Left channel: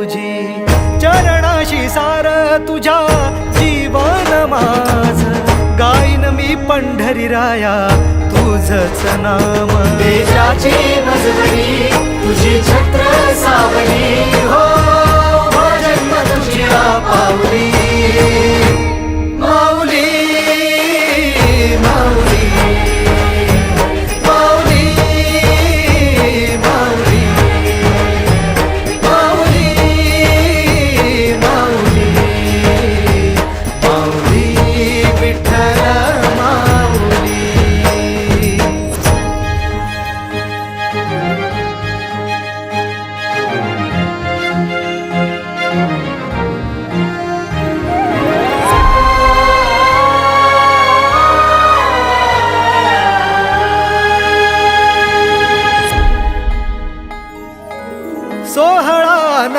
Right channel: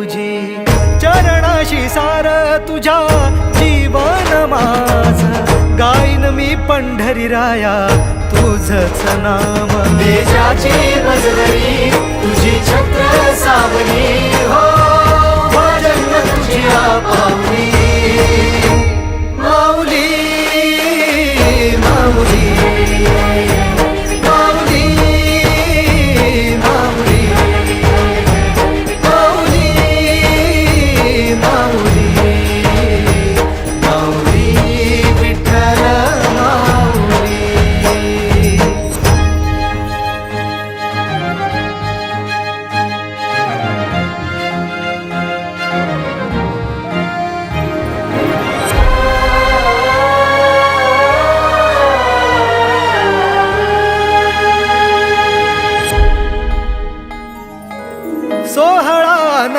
तुझी, चरणाशी सार तुझ्या जीवन माझ, गाईन मी पंढरी राया तुझच नाम. देशाची मजबरी तुझी छत्र सावली हो.